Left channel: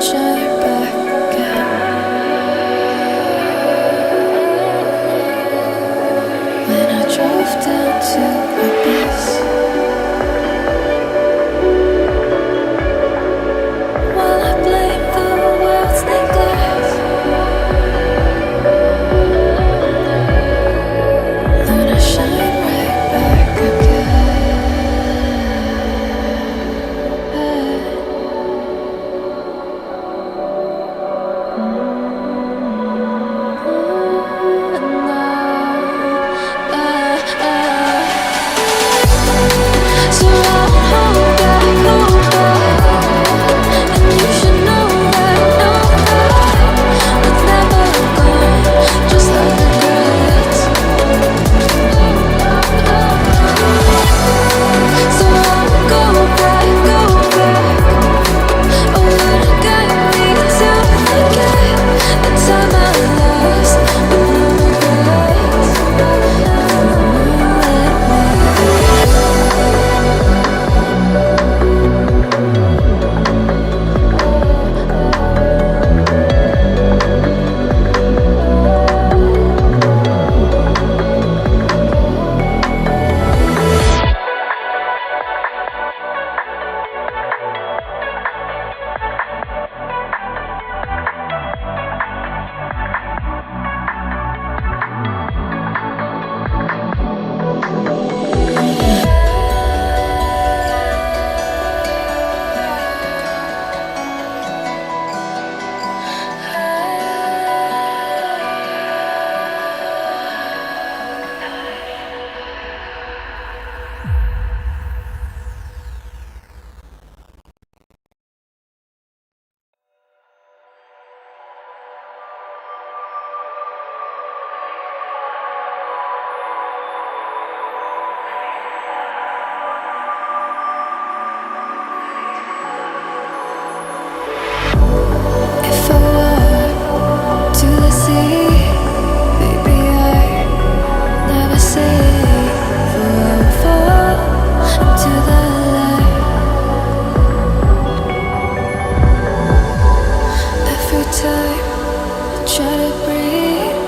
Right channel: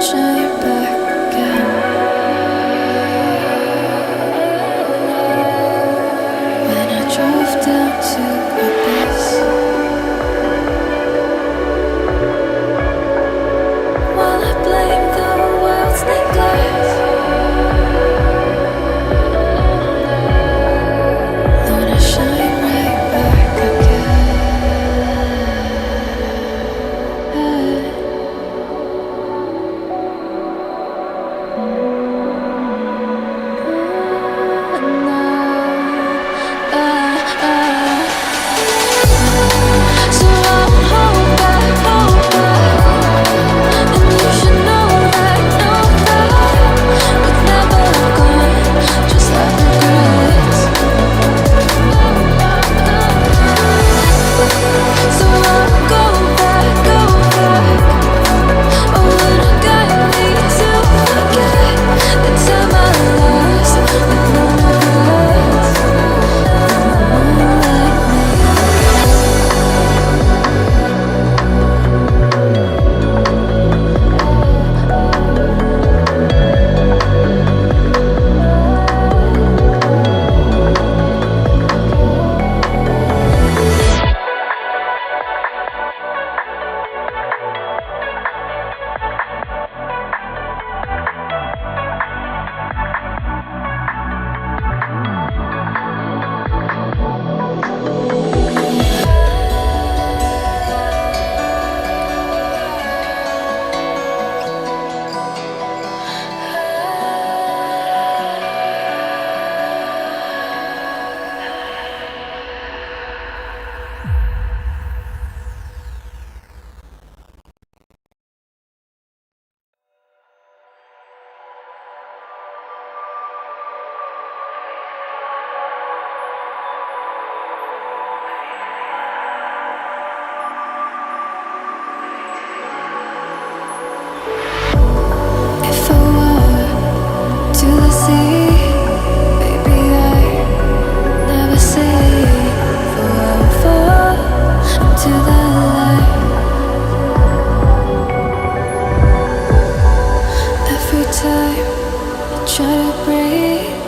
shine back again. When I drove down to abyss, while I blame the world's neglect, Luna shine right back again. So I won't hold back, and you should know that we're never gone, just like regrets. So I won't go back, oh, would it guide me to forget the time I lost with no regrets? Let me if I walk to the sea, baby, I never say for I will fall into the light. Every time I try to breathe,